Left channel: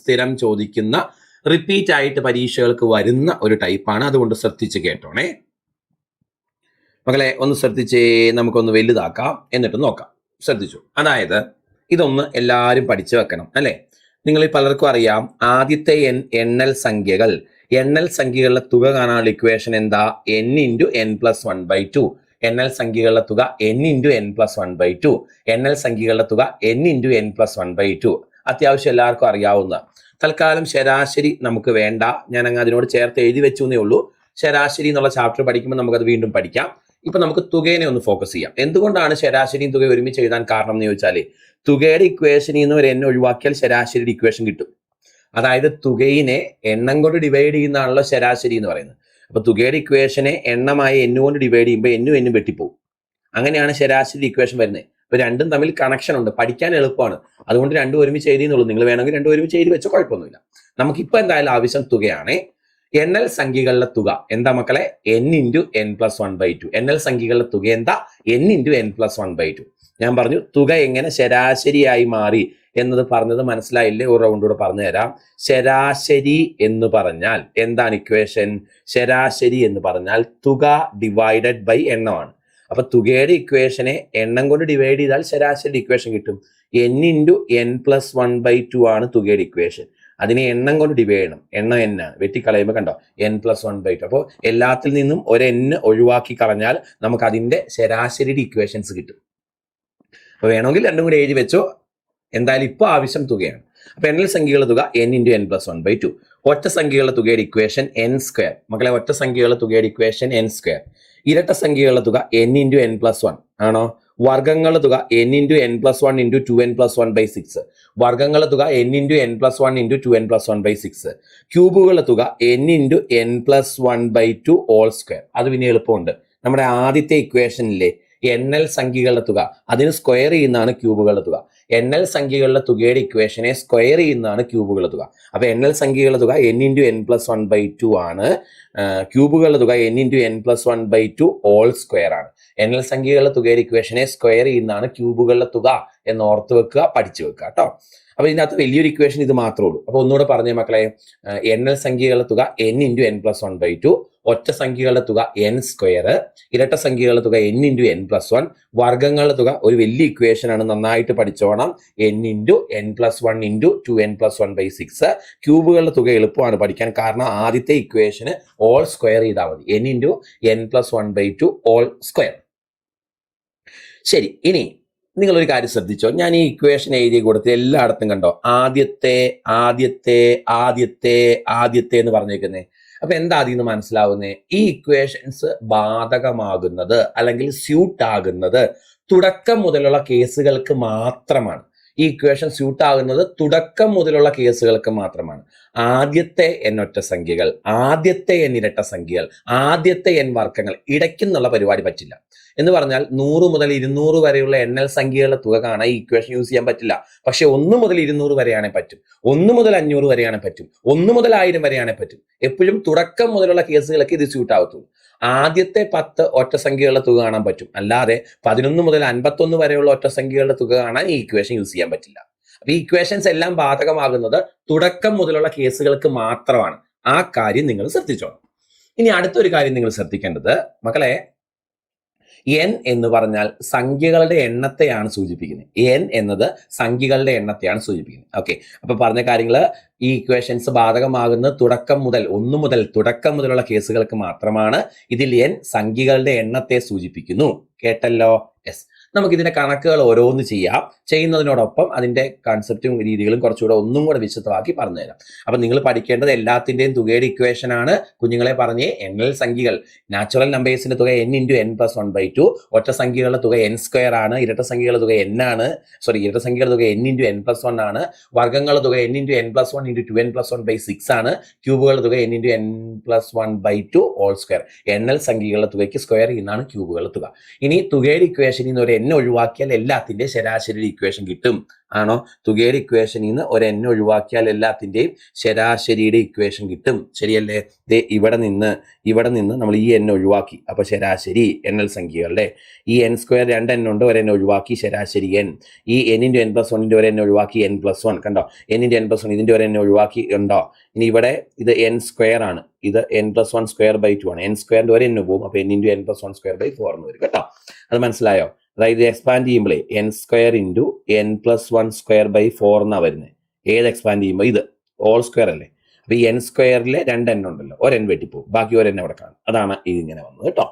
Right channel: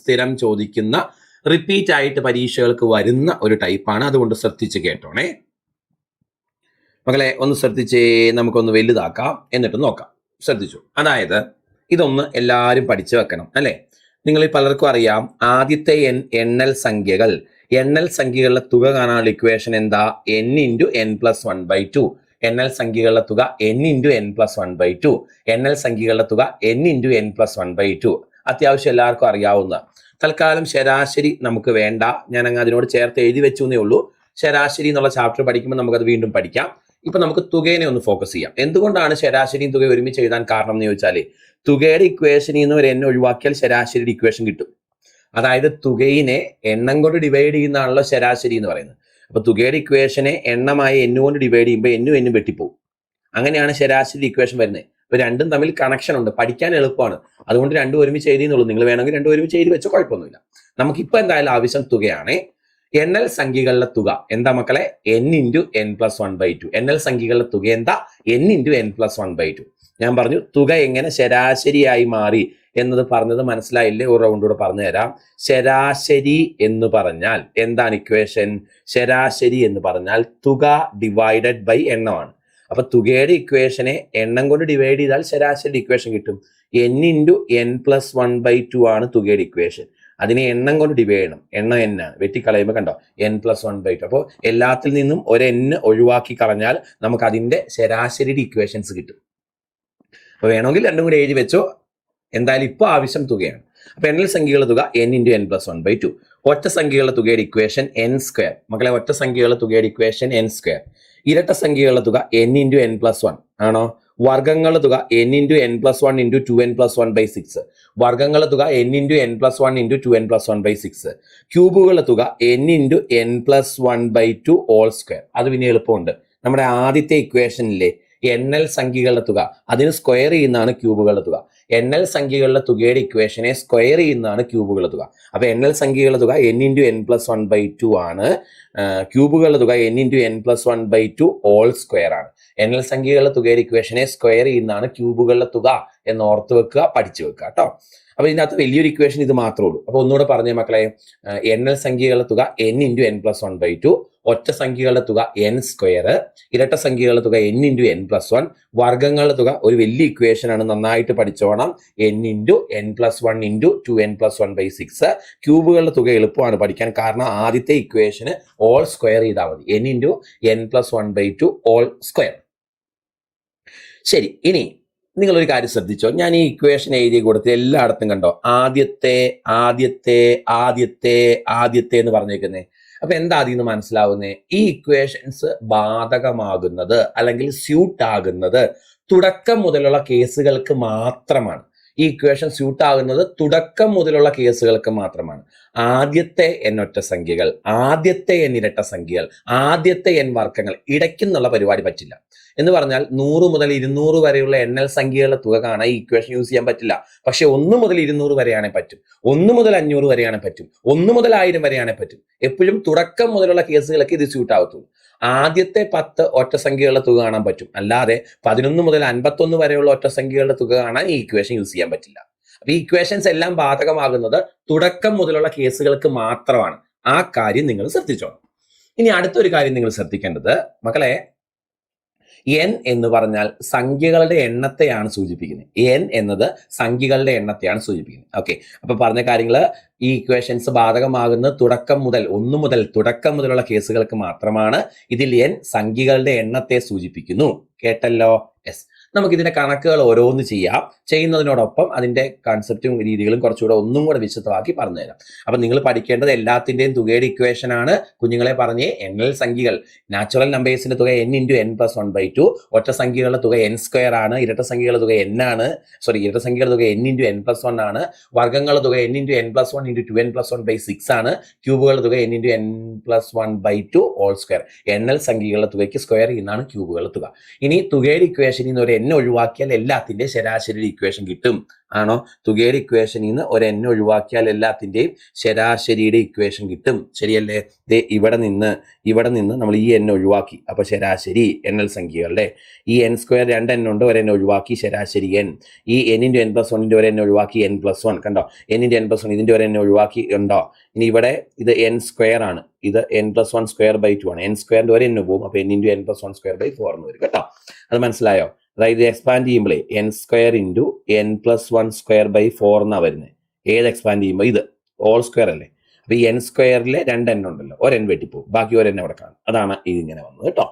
സ്ഥിരം ചോദിക്കുന്ന റിപ്പീറ്റ് ആയിട്ട് പരീക്ഷകൾക്ക് വരുന്ന ഒരു ടൈപ്പാണ്. അതുകൊണ്ട് ശ്രദ്ധിച്ച് കേട്ടോണേ മക്കളെ. ഒന്ന് ശ്രദ്ധിച്ചേ, നമുക്കൊന്ന് വലുതാക്കാം എന്നിട്ട് നോക്കാം. ശ്രദ്ധിച്ചു. അതായത് ഇതൊന്ന് എല്ലാവരും പഠിച്ചു വെക്കണം അല്ലെ. നിങ്ങളിൽ പലർക്കും അറിയാം, ആദ്യത്തെ എണ്ണൽ സംഖ്യകളുടെ തുക കാണാനുള്ള ഇക്വേഷൻ എന്താ? n × n+1/2. എണ്ണൽ സംഖ്യകളുടെ തുക n × n+1/2. എണ്ണൽ സംഖ്യകളുടെ തുക n × n+1/2. അത്യാവശ്യം എല്ലാവർക്കും അറിയാവുന്ന. തൽക്കാലം ശരാശരി നമുക്ക് വേണ്ട, ഞാൻ അങ്ങ് അതിനോട് ചേർത്ത് എഴുതി വെച്ചു എന്നേ ഉള്ളൂ. ശരാശരി എന്നുള്ള ചാപ്റ്റർ പഠിക്കുമ്പോൾ നമുക്കത് വീണ്ടും പഠിക്കാം. ഇപ്പൊ നമുക്ക് തുകേനെ ഒന്ന് ഫോക്കസ് ചെയ്യാം. എന്തുകൊണ്ടാണ് ശരാശരിയും തുക ഒരുമിച്ച് എഴുതാൻ കാരണം എന്ന് ചോദിച്ചാൽ, തുകയുടെ ഇക്വേഷനിൽ നിന്ന് ഒരു n ഒഴിവാക്കിയാൽ ശരാശരിയുടെ ഇക്വേഷൻ കിട്ടും. അതായത് തുകയിനെ എണ്ണം കൊണ്ട് ഡിവൈഡ് ചെയ്യുന്നതാണല്ലോ ശരാശരി എന്ന് പറയുന്നത്. അപ്പൊ തുകയുടെ ഇക്വേഷനെ എണ്ണമായി n കൊണ്ട് ഡിവൈഡ് ചെയ്യുമ്പോൾ n വെട്ടിപ്പോകും. അങ്ങനെയാണ് ശരാശരി ഇക്വേഷൻ വരുന്നത്. ഇവ രണ്ടും തമ്മിൽ കണക്ഷൻ ഉണ്ട്, പഠിക്കാൻ എളുപ്പമാണ്. അതുകൊണ്ട് രണ്ടും ഒരുമിച്ച് എഴുതിയെന്നുള്ളൂ. നിങ്ങൾ വേണമെങ്കിൽ രണ്ടും ഒരുമിച്ച് എഴുതി വെച്ചോ, കുഴപ്പമൊന്നുമില്ല. നമുക്കിപ്പോൾ എന്തായാലും ആവശ്യം തുകയാണ്. എണ്ണൽ സംഖ്യകളുടെ തുക എന്താ മക്കളെ? n × n+1/2. എണ്ണൽ സംഖ്യകളുടെ തുക എന്താ? n × n+1/2. ഞാൻ പറഞ്ഞു തുക എങ്ങനെ ശരാശരിയായി മാറി എന്നത് പറഞ്ഞത് മനസ്സിലായില്ലേ? ഒരു റൗണ്ട് കൂടെ പറഞ്ഞു തരാം. ശരാശരി എന്ന് പറഞ്ഞാൽ എന്താണ് ഇക്വേഷൻ? ശരാശരി എന്ന് പറഞ്ഞാൽ തുക ഡിവൈഡഡ് ബൈ എണ്ണമാണ്. അപ്പൊ തുകയുടെ ഇക്വേഷനെ എണ്ണം കൊണ്ട് ഡിവൈഡ് ചെയ്താൽ ശരാശരി ഇക്വേഷൻ കിട്ടും. n × n+1/2 ആണ് തുകയുടെ ഇക്വേഷൻ. അതിനെ എണ്ണം കൊണ്ട് ഡിവൈഡ് ചെയ്യണം. എണ്ണം n ആണ്, വെട്ടിക്കളയുമ്പോൾ കണ്ടോ n+1/2. അപ്പോൾ എല്ലാത്തിൽ നിന്നും ഒരു n ഒഴിവാക്കി കളഞ്ഞാൽ നമുക്ക് അതിന്റെ ശരാശരിയുടെ ഇക്വേഷൻസ് കിട്ടും. അപ്പൊ വേണമെങ്കിൽ രണ്ടും കൂടി എഴുതി വെച്ചോ. എന്തായാലും ഇപ്പൊ ആവശ്യം തുകയാണ്. അപ്പൊ എണ്ണൽ സംഖ്യകളുടെ തുക n × n+1/2. ഒറ്റ സംഖ്യകളുടെ തുകയുടെ ഇക്വേഷൻ n². മക്കളെ, ഒറ്റ സംഖ്യകളുടെ തുകയുടെ ഇക്വേഷൻ n². ഇരട്ട സംഖ്യകളുടെ തുക n × n+1 ആണോ? വർഗങ്ങളുടെ തുക n × n+1 × 2n+1/6. വർഗങ്ങളുടെ തുക n × n+1 × 2n+1/6. ക്യൂബുകളുടെ തുക n × n+1/2 ഹോൾ സ്ക്വയർ. അത് പിന്നെ എളുപ്പമുണ്ട്. നമ്മുടെ ആദ്യത്തെ ഇക്വേഷനിലെ എണ്ണൽ സംഖ്യകളുടെ തുക അതിന് സ്ക്വയർ ചെയ്യുന്നതാണ് ക്യൂബുകളുടെ തുക. എണ്ണൽ സംഖ്യകളുടെ തുകയുടെ ഇക്വേഷനെ സ്ക്വയർ ചെയ്യുന്നതാണ് ക്യൂബുകളുടെ തുക. അപ്പൊ എണ്ണൽ സംഖ്യകളുടെ തുക n × n+1/2 ആണ്. ക്യൂബുകളുടെ തുക n × n+1/2 ഹോൾ സ്ക്വയർ ആണ്. എണ്ണൽ സംഖ്യകളുടെ തുകയുടെ ഇക്വേഷനെ സ്ക്വയർ ചെയ്യുന്നതാണ് ക്യൂബുകളുടെ തുക എന്ന് ഓർത്ത് വെക്കുക, പഠിച്ചു വെക്കുക കേട്ടോ. അപ്പൊ ഇതിനകത്ത് വലിയൊരു ഇക്വേഷൻ ഇത് മാത്രമേ ഉള്ളൂ. അപ്പൊ ഒന്നുകൂടെ പറഞ്ഞേ മക്കളെ, എണ്ണൽ സംഖ്യകളുടെ തുക n × n+1/2, ഒറ്റ സംഖ്യകളുടെ തുക n², ഇരട്ട സംഖ്യകളുടെ തുക n × n+1, വർഗങ്ങളുടെ തുക ഒരു വലിയ ഇക്വേഷൻ ആണ്, നന്നായിട്ട് പഠിച്ചോണം, n × n+1 × 2n+1/6. ക്യൂബുകളുടെ തുക എളുപ്പമാണ് പഠിക്കാൻ, കാരണം ആദ്യത്തെ ഇക്വേഷന് ഓൾ സ്ക്വയർ ചെയ്താൽ മതി. n × n+1/2 whole square. ശരി, ഇനി നിങ്ങളൊരു കാര്യം ശ്രദ്ധിച്ചോ. ഞാൻ ഈ ഇക്വേഷൻ എഴുതി കൊടുത്ത് എല്ലായിടത്തും കണ്ടോ ആദ്യത്തെ ആദ്യത്തെ ആദ്യത്തെ ആദ്യത്തെ എന്ന് പറഞ്ഞേക്കുന്നേ. അപ്പൊ എന്താ അതിൽ നിന്ന് മനസ്സിലാവുന്നേ? ഈ ഇക്വേഷൻസ് ബാധകമാകുന്നത് അല്ലെങ്കിൽ സ്യൂട്ട് ആകുന്നത് തുടക്കം മുതലുള്ള കേസുകൾക്ക് മാത്രമാണ്. ഈ ഇക്വേഷൻ സ്യൂട്ട് ആകുന്നത് തുടക്കം മുതലുള്ള കേസുകൾക്ക് മാത്രമാണ്. ആദ്യത്തെ n ഒറ്റ സംഖ്യകൾ, ആദ്യത്തെ n ഇരട്ട സംഖ്യകൾ, ആദ്യത്തെ n വർഗങ്ങൾ, ഇടയ്ക്കെന്നുള്ള പരിപാടി പറ്റില്ല. എന്ന് പറഞ്ഞാൽ 100 മുതൽ 200 വരെയുള്ള എണ്ണൽ സംഖ്യകളുടെ തുക കാണാൻ ഈ ഇക്വേഷൻ യൂസ് ചെയ്യാൻ പറ്റില്ല. പക്ഷെ 1 മുതൽ 200 വരെയാണെ പറ്റും, 1 മുതൽ 500 വരെയാണെ പറ്റും, 1 മുതൽ 1000 വരെയാണെ പറ്റും. എപ്പോഴും തുടക്കം മുതലുള്ള കേസുകൾക്ക് ഇത് സ്യൂട്ട് ആവത്തുള്ളൂ. ആദ്യത്തെ 10 ഒറ്റ സംഖ്യകളുടെ തുക കാണാൻ പറ്റും, അല്ലാതെ 11 മുതൽ 51 വരെയുള്ള ഒറ്റ സംഖ്യകളുടെ തുക കാണാൻ ഈ ഇക്വേഷൻ യൂസ് ചെയ്യാൻ പറ്റില്ല. അപ്പൊ ഈ ഇക്വേഷൻസ് എല്ലാം ബാധകമാകുന്നത് തുടക്കം മുതലുള്ള കേസുകൾക്ക് മാത്രമാണ്. ആ കാര്യം നിങ്ങൾ ശ്രദ്ധിച്ചോണം. ഇനി അടുത്തൊരു കാര്യം നിങ്ങൾ ശ്രദ്ധിക്കേണ്ടത് മക്കളെ, n എന്ന് പറഞ്ഞാൽ സംഖ്യകളുടെ എണ്ണത്തെയാണ് സൂചിപ്പിക്കുന്നത്. n എന്നത് സംഖ്യകളുടെ എണ്ണത്തെയാണ് സൂചിപ്പിക്കുന്നത്. ഓക്കെ, അപ്പൊ പറഞ്ഞ കാര്യങ്ങൾ ഈ ഇക്വേഷൻസ് ബാധകമാകുന്നത് തുടക്കം മുതൽ 1 മുതൽ തുടക്കം മുതലുള്ള കേസുകൾക്ക് മാത്രമാണ്. ഇതിൽ n സംഖ്യകളുടെ എണ്ണത്തെ സൂചിപ്പിക്കുന്നു. കേട്ടല്ലോ? യെസ്. നമുക്കിതിന്റെ കണക്കുകൾ ഓരോന്ന് ചെയ്യാം. ചെയ്യുന്നതിനോടൊപ്പം അതിന്റെ കൺസെപ്റ്റും രീതികളും കുറച്ചുകൂടെ ഒന്നും കൂടെ വിശദമാക്കി പറഞ്ഞുതരാം. അപ്പൊ നിങ്ങൾ പഠിക്കേണ്ടത് എല്ലാത്തിന്റെയും തുകയുടെ ഇക്വേഷൻ ആണ്. കുഞ്ഞുങ്ങളെ പറഞ്ഞേ, എണ്ണൽ സംഖ്യകൾ നാച്ചുറൽ നമ്പേഴ്സിന്റെ തുക n × n+1/2, ഒറ്റ സംഖ്യകളുടെ തുക n² ആണ്, ഇരട്ട സംഖ്യകളുടെ തുക n ആണ്, ഇരട്ട സംഖ്യകളുടെ തുക n × n+1 ആണ്, വർഗങ്ങളുടെ തുക n × n+1 × 2n+1/6 ആണ്, ക്യൂബുകളുടെ തുക n × n+1/2 ഹോൾ സ്ക്വയർ. എണ്ണൽ സംഖ്യകളുടെ തുകയ്ക്ക് സ്ക്വയർ ചെയ്യുന്നതാണ് ക്യൂബുകളുടെ തുക. ഇനി തുകയുടെ ഇക്വേഷനിൽ നിന്ന് ഒരു n ഒഴിവാക്കിയാൽ എല്ലാത്തിന്റെയും ശരാശരി ഇക്വേഷൻ കിട്ടും. ആണോ? തുകയുടെ ഇക്വേഷനിൽ നിന്ന് ഒരു n ഒഴിവാക്കിയാൽ എല്ലാത്തിന്റെയും ശരാശരിയുടെ ഇക്വേഷൻ കിട്ടും. ശരിയല്ലേ? ഇവിടെ നിന്ന് നമ്മൾ ഈ n ഒഴിവാക്കി, അപ്പൊ ശരാശരി എണ്ണൽ സംഖ്യകളുടെ ഈ n സ്ക്വയർ 2n ഉണ്ട്, ഒരു n ഒഴിവാക്കി, ശരാശരി n. ഈ n × n+1 ഒരു n ഒഴിവാക്കി, n+1 കണ്ടോ? n × n+1 ഇതിന്റെ ഒരു n ഒഴിവാക്കി, കണ്ടോ? ഇനി ഇവിടെ ഇത് n സ്ക്വയർ ആണ്, ഇത് n+1 സ്ക്വയർ ബൈ 2 ആണ്. n സ്ക്വയറിന്റെ ഒരു n പോകും, അപ്പൊ n × n+1 സ്ക്വയർ ബൈ 4 ആണ് വരും കേട്ടോ. അത് മനസ്സിലായോ? അതായത് എക്സ്പാൻഡ് ചെയ്യുമ്പോഴേ n square × n+1 square by 4 എന്നാ വരുന്നത്. ഏത് എക്സ്പാൻഡ് ചെയ്യുമ്പോൾ? ഇത് ഹോൾ സ്ക്വയർ അല്ലേ? അപ്പൊ ഈ n സ്ക്വയറിലെ 2n ഉണ്ടല്ലോ, ഒരു n വെട്ടിപ്പോകും, ബാക്കി ഒരു n അവിടെ കാണും. അതാണ് ഇതിങ്ങനെ വന്നത് കേട്ടോ.